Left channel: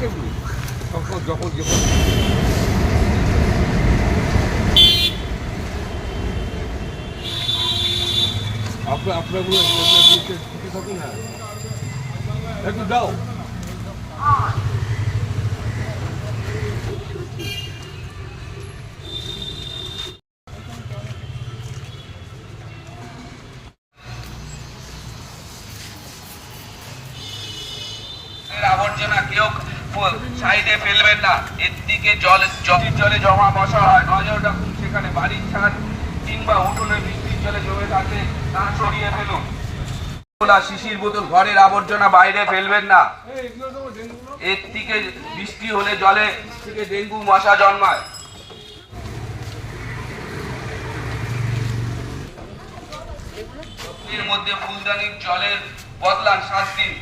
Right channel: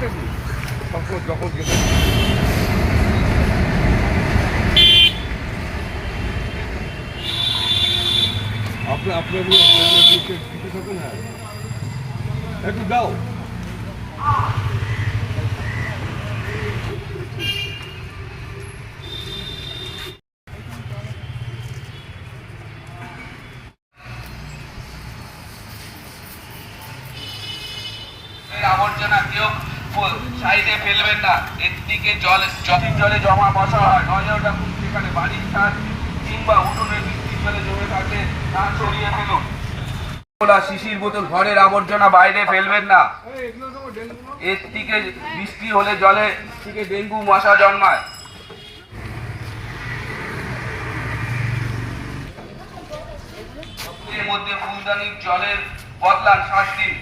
থাকুন না একটু দাও। আবর্জনা কেউ সাইডে ফেলবেন না, এর দিকে জলে জমা বসা হয়, নইলে ওটা সেখানে বাড়ির ছাদ কিংবা উঠোনে বৃষ্টির জলে জমে থাকে, তা সরিয়ে ফেলুন। শিশির বোতল ঘরের আবর্জনা বাইরে ফেলবেন না, এর থেকে বৃষ্টি হলে জলে থেকে ডেঙ্গু মশা জন্মায়। এর মধ্যে ফুলদানির জলের বদলান 7 দিন।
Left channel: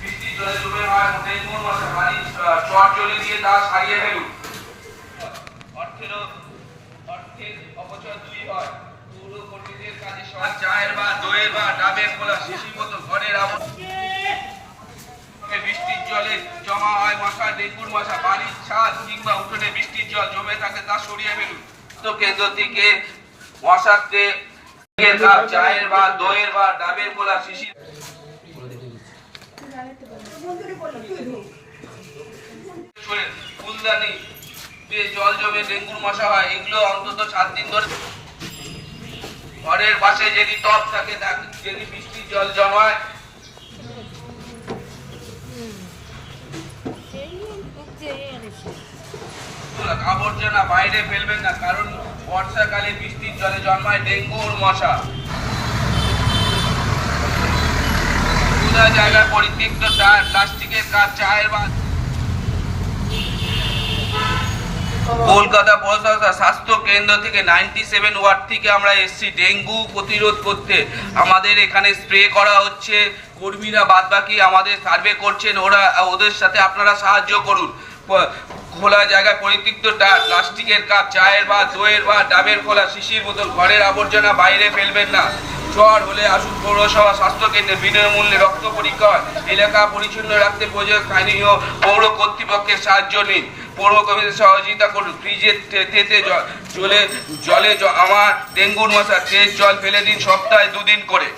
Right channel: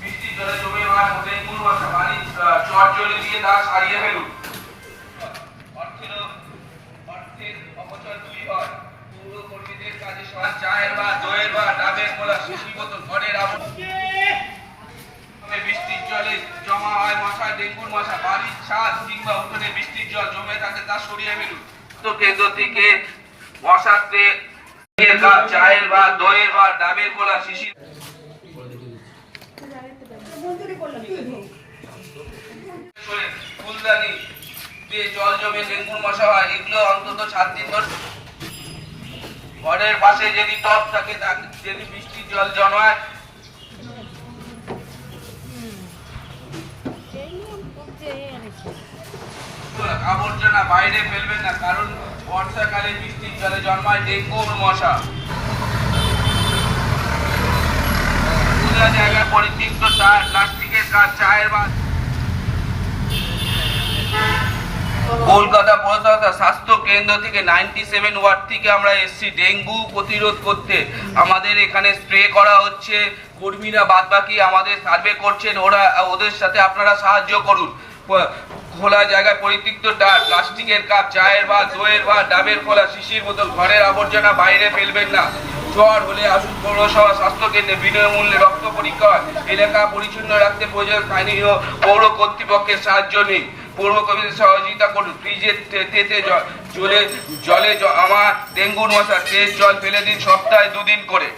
বৃষ্টির জলে জমে ডেঙ্গু মশা বাড়ির চট জলে দিয়ে তা সারিয়ে ফেলুন। অর্থের অপচয় 2 হয়। পৌর কর্মীদের কাজে চায়ের বা দইয়ের বা ডাবের খোলা শিশির বোতল ঘরের বৃষ্টির জলে জমা হয় মশা, ডেঙ্গুর মশা, বাড়ির ছাদ কিংবা উঠোনে বৃষ্টির জল জমে থাকে তা সরিয়ে ফেলুন। তো কেন্দ্র থেকে মশাতে চায়ের বা দইয়ের বা ডাবের খোলা শিশির ফুলদানি দিয়ে জল জমে ডেঙ্গুর মশা হয়, এগুলো অন্তত 7 দিন ধরে। ঘরের পাশে যদি টব থাকে, যদি বৃষ্টির জল জমায়, আবর্জনা বাইরে ফেলবেন না, কারণ বর্ষাকালে বৃষ্টির জলে জন্মায় ডেঙ্গুর মশা। খোলা জায়গায় পরিত্যক্ত টায়ার, প্লাস্টিকের কাজ, চায়ের বা কলকাতা পৌরসভা স্বাস্থ্য কেন্দ্র থেকে 97 ওয়ার্ড থেকে আমরা এসছি ডেঙ্গু প্রতিরোধ করতে। আমাদের এখানে স্প্রে করা হচ্ছে, কর্মীরা বাদবাকি আমাদের সার্ভে করছেন, ওদের সাথে আপনারা সাহায্য করুন। খোলা জায়গায় পরিত্যক্ত টায়ার, প্লাস্টিকের কাপ, চায়ের বা দইয়ের বা ডাবের খোলা শিশির বোতল ঘরের আবর্জনা বাইরে ফেলবেন না। জ্বর হলে আসুন পৌরসভা স্বাস্থ্য কেন্দ্রে, বিনামূল্যে রক্ত পরীক্ষা হয়। এলাকা পরিচ্ছন্ন রাখতে প্রয়োজন স্থানীয় পৌর কর্তৃপক্ষের সাহায্য নিন। পৌর কর্মীদের সহযোগিতা করুন। ফ্রিজের তেতে জলে আমার ডেঙ্গুর মশা, তেল জল ফেলে দিন সপ্তাহে 2 দিন করে।